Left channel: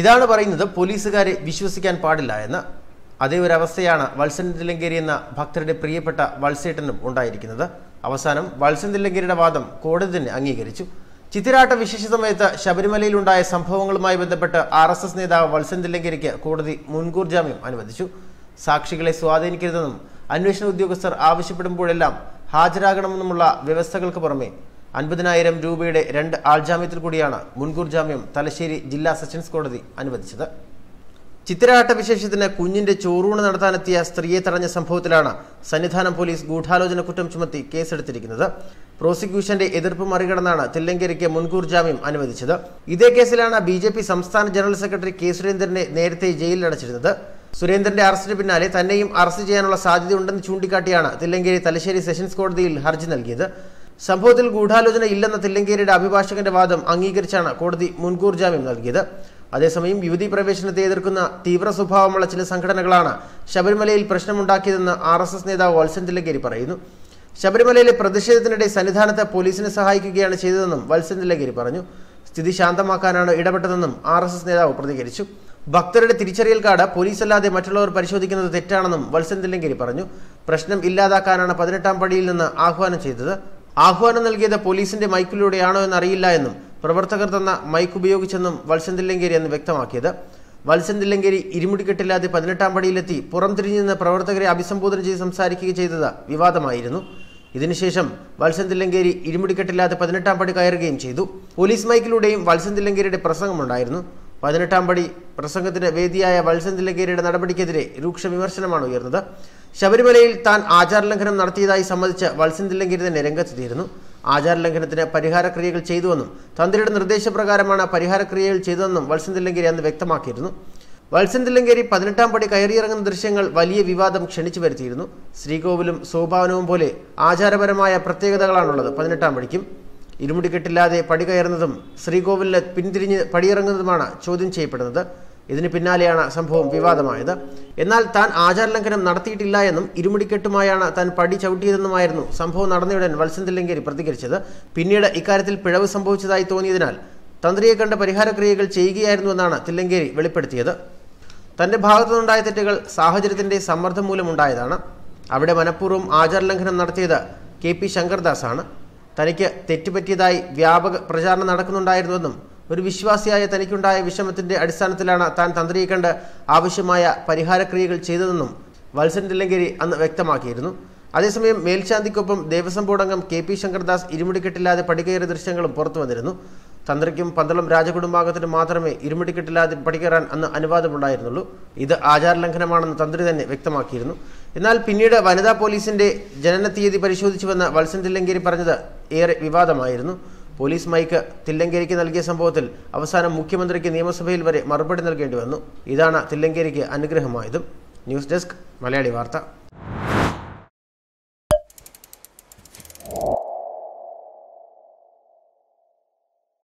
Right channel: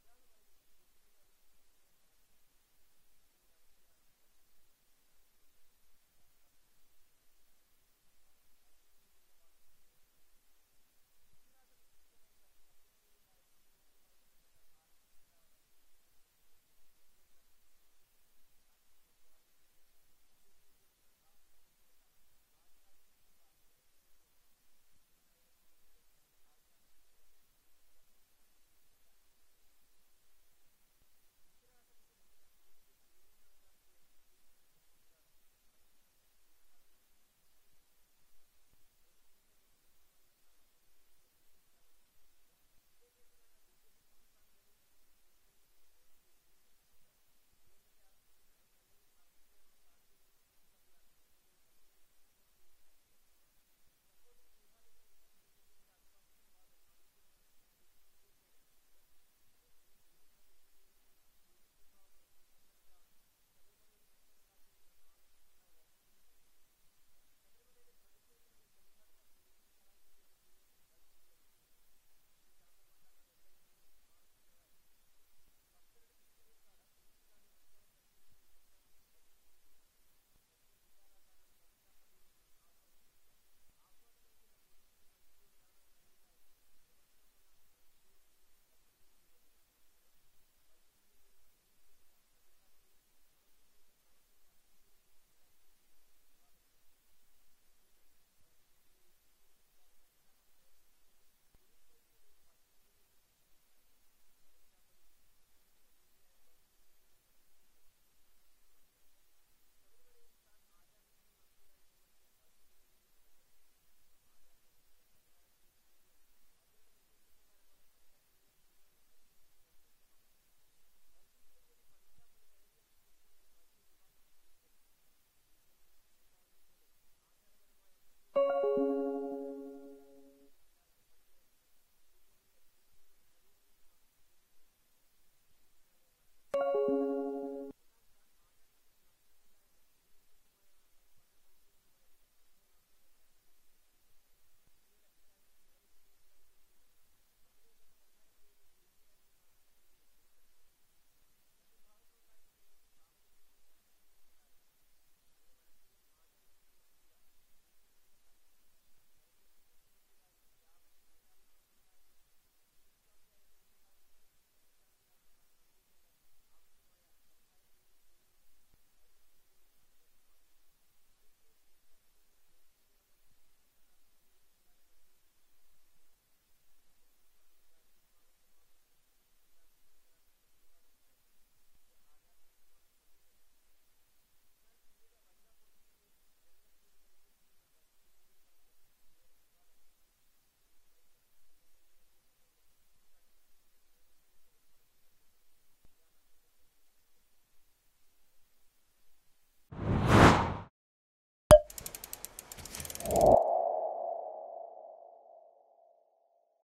ഇതാണ് പറയുന്നത് പോലീസുകാരെ വിശ്വസിക്കാൻ പാടില്ല എന്ന്. അതേ ഒരു അവസ്ഥയാണ് വത്സൻ തില്ലങ്കേരി എന്ന ഭക്തരുടെ പ്രിയപ്പെട്ട വത്സേട്ടനും ഉണ്ടായിരിക്കുന്നത്. അവസാനം വത്സൻ തില്ലങ്കേരിയുടെ വാദം കോടതി തന്നെ അംഗീകരിച്ചു. ചിത്തിരാട്ട വിശേഷ സമയത്ത് ശബരിമലയിലുണ്ടായ സംഭവങ്ങളുമായി ബന്ധപ്പെട്ട് RSS നേതാവ് വത്സൻ തില്ലങ്കേരിക്ക് കോടതി മുൻകൂർ ജാമ്യം അനുവദിച്ചു. സാക്ഷികളെ സ്വാധീനിക്കരുതെന്നും അന്വേഷണ ഉദ്യോഗസ്ഥർ ആവശ്യപ്പെടുമ്പോഴെല്ലാം ഹാജരാകണമെന്നുമുള്ള വ്യവസ്ഥകൾക്ക് പുറമെ 50,000 രൂപയുടെ 2 ആൾജാമ്യത്തിൽ കൂടിയാണ് മുൻകൂർ ജാമ്യം തലശ്ശേരി ജില്ലാ സെഷൻസ് കോടതി അനുവദിച്ചത്. ചിത്തിരാട്ട വിശേഷത്തിന് കുഞ്ഞിന്റെ ചോറൂണ് നടത്താനെത്തിയ സ്ത്രീയെ തടഞ്ഞ സംഭവത്തിലാണ് സന്നിധാനം പോലീസ് ഗൂഢാലോചന കുറ്റം ചുമത്തി കേസെടുത്തിരിക്കുന്നത്. പ്രോസിക്യൂഷന്റെ എതിർപ്പ് മറികടന്നാണ് തില്ലങ്കേരിക്ക് മുൻകൂർ ജാമ്യം അനുവദിച്ചത്. ഇതേ കേസിലാണ് BJP സംസ്ഥാന ജനറൽ സെക്രട്ടറി K. സുരേന്ദ്രനെ നേരത്തെ ജയിലിലടച്ചിരുന്നത്. സുരേന്ദ്രന്റെ അറസ്റ്റിന് പിന്നാലെ തന്നെയും അറസ്റ്റ് ചെയ്യാനുള്ള സാധ്യതയുണ്ടെന്ന് ചൂണ്ടിക്കാട്ടിയാണ് തില്ലങ്കേരി തലശ്ശേരി സെഷൻസ് കോടതിയിൽ ഹർജി നൽകിയത്. സംഭവത്തിൽ ഗൂഢാലോചന ഇല്ലെന്ന തില്ലങ്കേരിയുടെ അഭിഭാഷകന്റെ വാദം അംഗീകരിച്ചാണ് കോടതി മുൻകൂർ ജാമ്യം നൽകിയത്. അതേസമയം യുവതീ പ്രവേശനത്തെ എതിർക്കുന്ന തീവ്ര സ്വഭാവമുള്ള ചില സംഘടനകളാണ് ശബരിമലയിൽ പ്രശ്നമുണ്ടാക്കിയതെന്ന് RSS നേതാവ് വത്സൻ തില്ലങ്കേരി പറയുന്നു. ശബരിമലയിലെ പ്രതിഷേധത്തിനിടെ സന്നിധാനത്ത് പോലീസിനെ സഹായിക്കുകയാണ് ചെയ്തതെന്നും വത്സൻ തില്ലങ്കേരി പറഞ്ഞു. സ്ഥിതി ശാന്തമാക്കാനാണ് ഇടപെട്ടതെന്നും RSS നേതാവ് പ്രതികരിച്ചു. ഭക്തരുടെ തിരിച്ചറിയൽ കാർഡ് പോലീസല്ലാതെ മറ്റുള്ളവർ പരിശോധിക്കുന്നത് തെറ്റാണെന്നും വത്സൻ തില്ലങ്കേരി പറഞ്ഞു. പ്രശ്നം ഇല്ലാതാക്കാനാണ് 18ാം പടിയിൽ നിന്ന് ആഹ്വാനം ചെയ്തത്. ആഹ്വാനം നൽകിയത് പോലീസിന്റെ മൈക്കിലൂടെയാണോ എന്നറിയില്ല എന്നും പ്രവർത്തകർ തന്ന മൈക്ക് ഉപയോഗിച്ചെന്നും വത്സൻ തില്ലങ്കേരി എന്ന് വ്യക്തമാക്കിയത്. വത്സൻ തില്ലങ്കേരി ഇരുമുടിക്കെട്ടില്ലാതെ 18ാം പടിയിലെത്തി പുറംതിരിഞ്ഞു നിന്ന് പ്രവർത്തകരെ അഭിസംബോധന ചെയ്ത് സംസാരിക്കുക ചെയ്തത് വിവാദമായിരുന്നു. ഇതിനുശേഷം വത്സൻ തില്ലങ്കേരി ഇരുമുടിക്കെട്ടില്ലാതെ 18ാം പടി കയറുകയും ചെയ്തു. പോലീസ് മൈക്കിലൂടെയും വത്സൻ തില്ലങ്കേരിയുടെ പ്രസംഗമുണ്ടായിരുന്നു. 18ാം പടി പ്രസംഗത്തിന് വേദിയായ വത്സൻ തില്ലങ്കേരിയുടെ നടപടിക്കെതിരെ രൂക്ഷ വിമർശനമാണ് ഉയർന്നത്. ശബരിമലയിൽ താൻ ആചാരലംഘനം നടത്തിയതായി സമ്മതിച്ച് വത്സൻ തില്ലങ്കേരി തന്നെ രംഗത്തെത്തിയിരുന്നു. ആചാരലംഘനത്തിന് പരിഹാരക്രിയകൾ ചെയ്തുവെന്നും തന്ത്രിയുടെ നിർദ്ദേശപ്രകാരമാണ് പരിഹാരക്രിയകൾ ചെയ്തതെന്നും വത്സൻ തില്ലങ്കേരി അന്ന് വ്യക്തമാക്കിയിരുന്നു. വത്സൻ തില്ലങ്കേരി 18ാം പടി കയറിയിറങ്ങുന്ന ദൃശ്യങ്ങൾ വലിയ വിവാദം ക്ഷണിച്ചു വരുത്തിയിരുന്നു. ശ്രീകോവിലും സോപാനവും പോലെ ആചാരപരമായ പ്രത്യേകതകളാണുള്ളത് 18ാം പടിക്കും. ഇരുമുടിക്കെട്ടില്ലാതെ പടി കയറുന്നതും ശ്രീകോവിലിന് പിന്തിരിഞ്ഞ് പടിയിറങ്ങുന്നതുമാണ് ചോദ്യം ചെയ്യപ്പെടുന്നത്. ഇതിന് പിന്നാലെയാണ് സംഭവം വിവാദമായത്. എന്നാൽ താൻ ആചാരലംഘനം നടത്തിയിട്ടില്ല എന്നും ഇരുമുടിക്കെട്ടുമായാണ് താൻ പടി ചവിട്ടിയതെന്നുമായിരുന്നു സംഭവം നടന്നയുടൻ വത്സൻ തില്ലങ്കേരി പ്രതികരിച്ചത്. പിന്നീട് ഇക്കാര്യത്തിൽ പിഴവ് സംഭവിച്ചതായി തോന്നിയതിനാൽ തന്ത്രിയെ കണ്ട് പരിഹാരക്രിയകൾ ചെയ്യുകയായിരുന്നുവെന്നാണ് തില്ലങ്കേരി വെളിപ്പെടുത്തിയത്. തന്റെ ഭാഗത്തുനിന്നുണ്ടായ തെറ്റുകൾ സാഹചര്യത്തിന്റെ സമ്മർദ്ദം മൂലമുണ്ടായതാണ്. അവിടെ മനഃപൂർവ്വം ആചാരലംഘനം നടത്തിയത് KP ശങ്കർദാസ് ആണ്. തനിക്ക് തെറ്റുപറ്റിയതായി വ്യാപക പ്രചാരണം നടക്കുന്നുണ്ടായിരുന്നുവെന്നും ഒരു വിശ്വാസിയായ തനിക്കുണ്ടായ വിഷമത്തിന്റെ അടിസ്ഥാനത്തിലാണ് താൻ തന്ത്രിയെ കണ്ട് ആവശ്യമായ പരിഹാരക്രിയകൾ ചെയ്തതെന്നും വത്സൻ തില്ലങ്കേരി അന്ന് വ്യക്തമാക്കിയിരുന്നു. അതേസമയം മേൽശാന്തിക്കൊപ്പം ദേവസ്വം ബോർഡ് അംഗം KP ശങ്കർദാസ് ഇരുമുടിക്കെട്ടില്ലാതെ പടികയറിയ ദൃശ്യങ്ങളും പുറത്തു വന്നിരുന്നു. തന്ത്രിക്കും പന്തളം രാജകുടുംബാംഗത്തിനും മാത്രമേ ഇരുമുടിക്കെട്ടില്ലാതെ പടികയറാൻ അന്ന് അനുവാദമുണ്ടായിരുന്നുള്ളൂ. ഇത് ആചാരലംഘനമാണെന്ന് തന്ത്രി തന്നെ വ്യക്തമാക്കിയിരുന്നു. എന്നാൽ പിന്നീട് വനിതാ പോലീസിന്റെ ജനന തീയതി പരിശോധിച്ചുവെന്ന് വത്സൻ തില്ലങ്കേരി പറഞ്ഞത് ഏറെ വിവാദമായിരുന്നു. പോലീസ് മൈക്ക് തില്ലങ്കേരിക്ക് നൽകിയ സംഭവത്തിൽ അവസാനം മുഖ്യമന്ത്രിക്ക് നിയമസഭയിൽ വരെ മറുപടി നൽകേണ്ടി വന്നു. ഇതാണ് തില്ലങ്കേരിക്ക് അനുഗ്രഹമായതും. ന്യൂസ് ഡെസ്ക് മലയാളി വാർത്ത.